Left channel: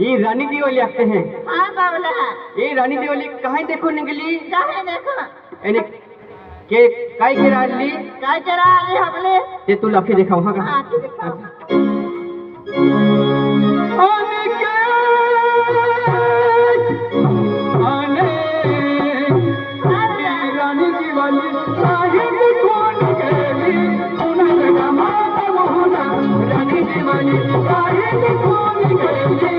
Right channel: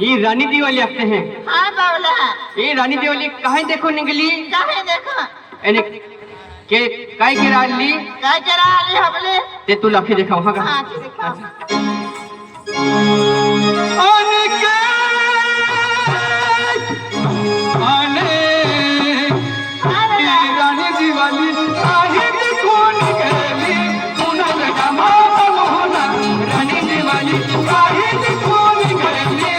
ये रानी दिवाली आते हैं। हाँ बावला ये रानी दिवाली कहाँ देखो निकली? काहे देखो एने के काय के राली काय करा आले हमले ते तू लखी दिखाओ हाँ हाँ की दिखाओ आने के आने ये रानी दिवाली काहे देखो निकली? उन्हें जमा बहुना रानी दिवाली काहे देखो निकली?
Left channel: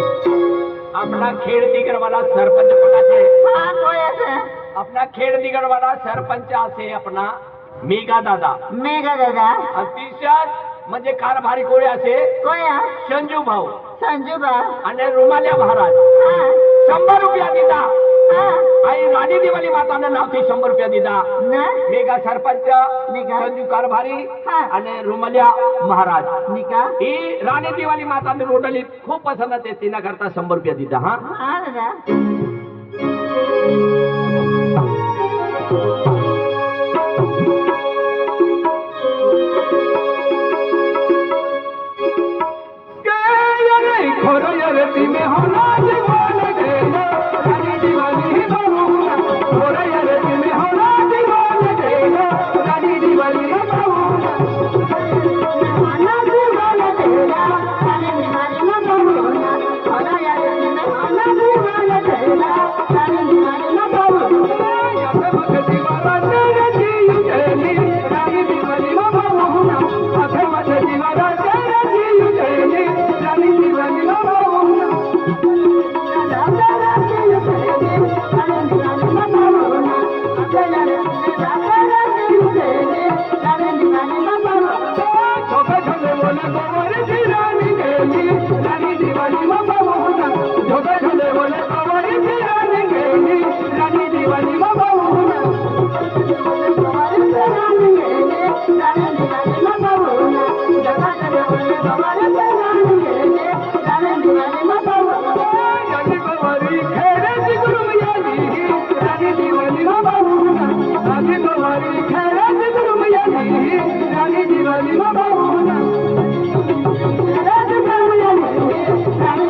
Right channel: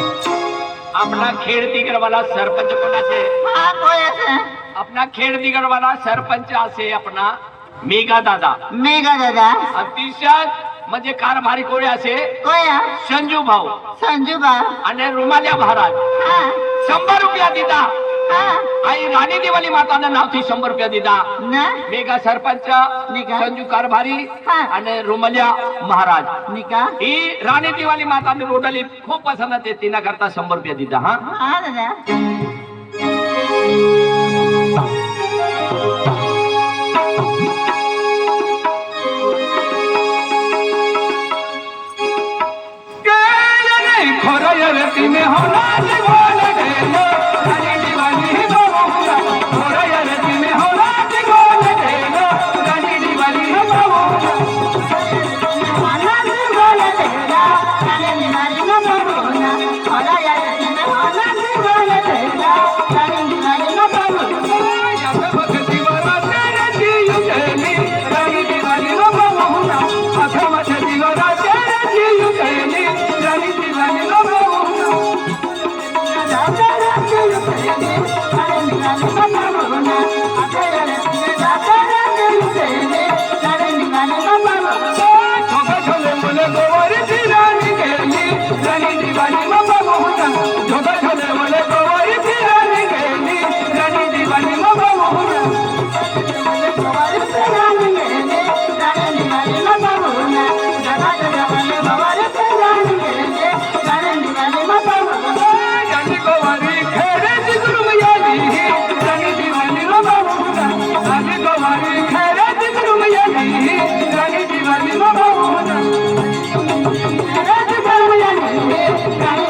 अपना खेड़ दिगर वाला सरपंच कोणा से? हाँ कोई ऐसे अपना खेड़ दिगर वाला सरपंच से अपना मेघा दादा मेघा दादा अतिशय म्हणजे कारभारी कोणी असे कोई संजू भाऊ संजू बा आणि रुमाल्या महाराज हाँ 100 रुपया दिदा हाँ आई राणी दिवाली माताना नावથી 100 रुपया दिदा ना मेघा सरपंच मेघा. संजू कारभारी हाँ. आणि रुमाल्या महाराज निका ही राणी दिवाली माताने रोटली खूप पसंत आहे तिना करता 100 रुपया दिदा हा हाँ दादा में होना दिवाली देना रानी दिवाली बाबूला थोड़ा यार में होना दिवाली देना रानी दिवाली बाबूला होना दिवाली तेरा रानी दिवाली ना बाबूला थोड़ा यार में होना दिवाली तेरा रानी दिवाली ना बाबूला या सब दीवारा तेरे जीव तेरी रानी दिवाली बाबूला आधा मत दीवारा तेरे जीव तेरी रानी दिवाली बाबूला रानी दिवाली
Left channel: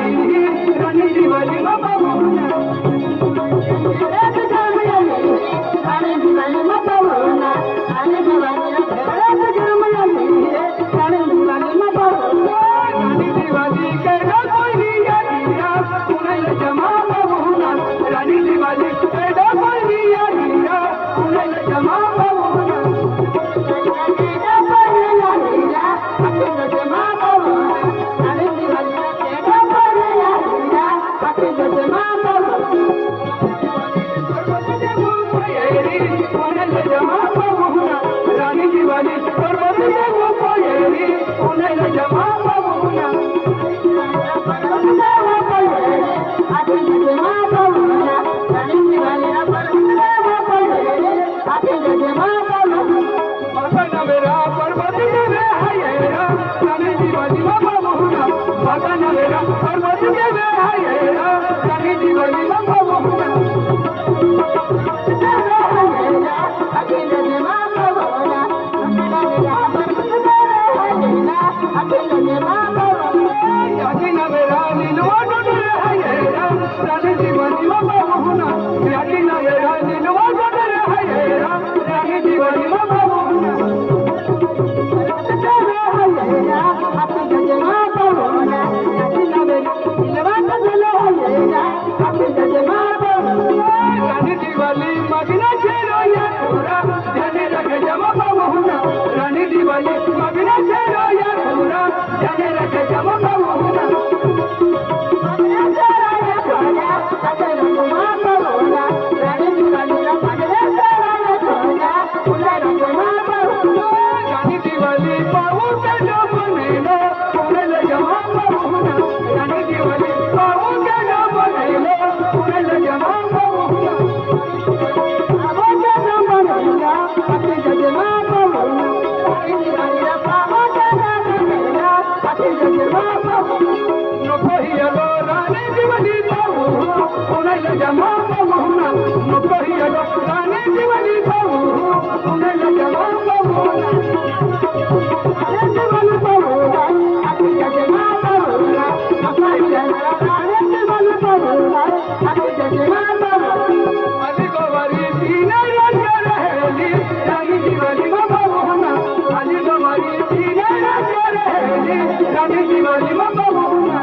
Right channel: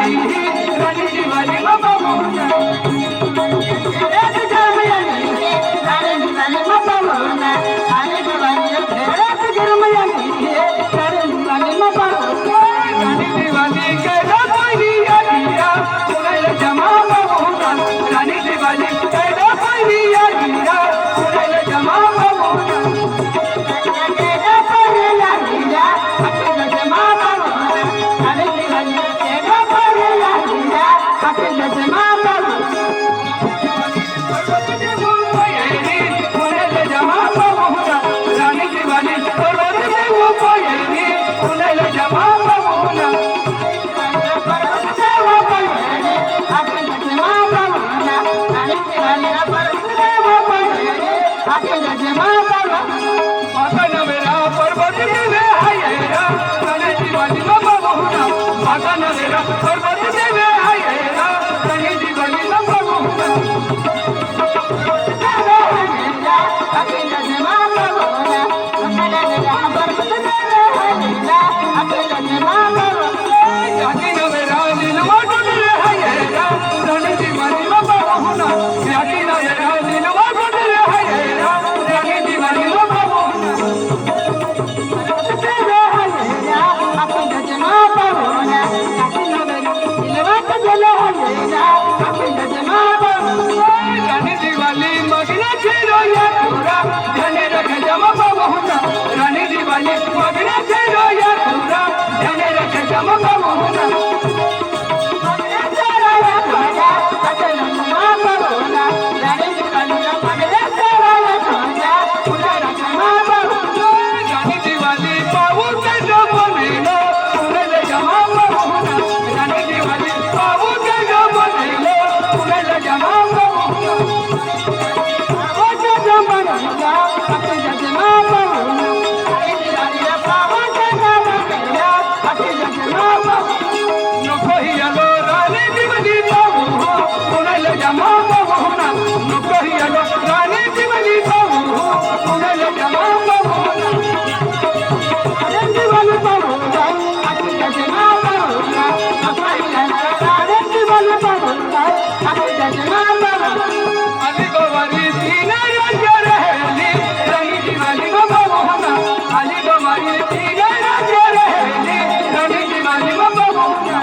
राणी दिवाळी बाबा मोहना राणी दिवाळी कैला पहिली आलिया पुण्याला जमा मोहना राणी दिवाळी कैला पहिली आलिया पुण्याला जमा मोहना पुण्याला जमा मोहना राणी दिवाळी पर्वत देऊ पोयरी पुण्याला जमा मोहना माता नवेरा पर्वत देवे हायरा राणी दिवाळी बाबा मोहना माता नवेरा पर्वत देवे हायरा राणी दिवाळी बाबा मोहना यादी नवेरा नीलवा डोले हायरा राणी दिवाळी बाबा मोहना यादी नवेरा नीलवा डोले हायरा राणी दिवाळी बाबा मोहना राणी दिवाळी मगना खेलो या तोरा जाने रख जमा मोहना राणी दिवाळी मगना खेलो या तोरा जाने रख जमा मोहना राणी दिवाळी पाहू के जो बनेला पुण्याला जमा मोहना राणी दिवाळी पाहू के जो बनेला पुण्याला जमा मोहना नको हिरो राणी दिवाळी पाहू पुण्याला जमा मोहना नको हिरो राणी दिवाळी पाहू पुण्याला जमा मोहना आजी गोवारी तीन राज्य रहेली राणी दिवाळी बाबा मोहना आजी गोवारी तीन राज्य रहेली राणी दिवाळी बाबा मोहना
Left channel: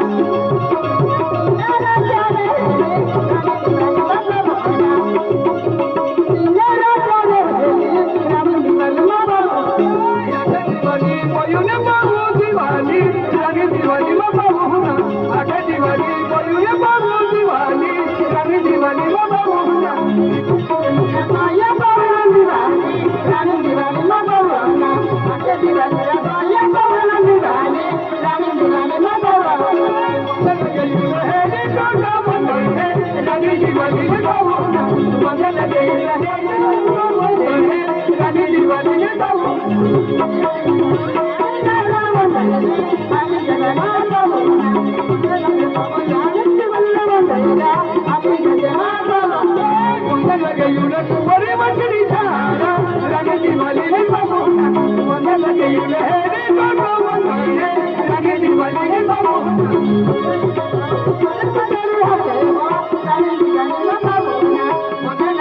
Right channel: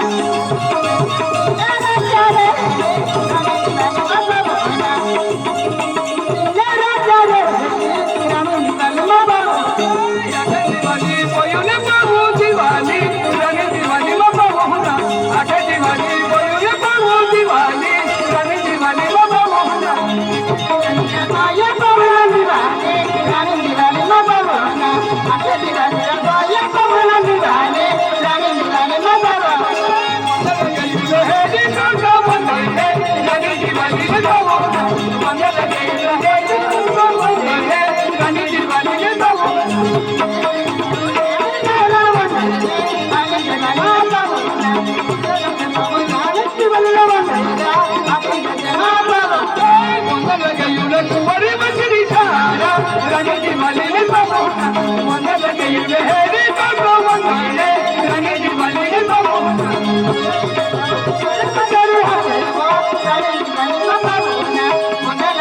आठे दिवाळी पयुने पाहू दिवाळी राणी दिवाळी बाबा मोहना आठे दिवाळी पयुने पाहू दिवाळी राणी दिवाळी बाबा मोहना राणी दिवाळी बाबा मोहना मंगल गेला राणी दिवाळी बाबा मोहना मंगल गेला कुमारी मछली सारा राणी दिवाळी बाबा मोहना मंगल गेला हेरी बाबा मोहना राणी दिवाळी बाबा मोहना मंगल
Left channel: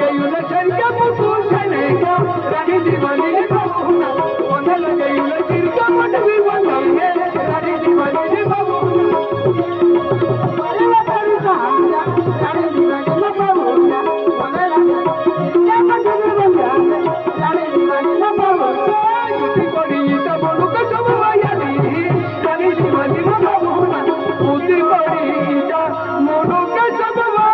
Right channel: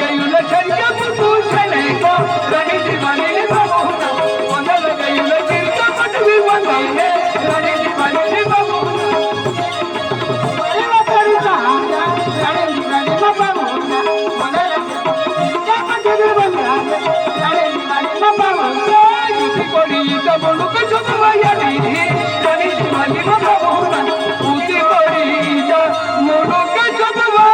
गेला चरिया पुतू चलेगा राणी दिवाळी बाबा मोहना मंगल गेला चिरका मटवी बनवाले राणी दिवाळी बाबा मोहना युती कोणी इथं बोलू कसं बाबा राणी दिवाळी बाबा मोहना युती कोणी इथं बोलू कसं बाबा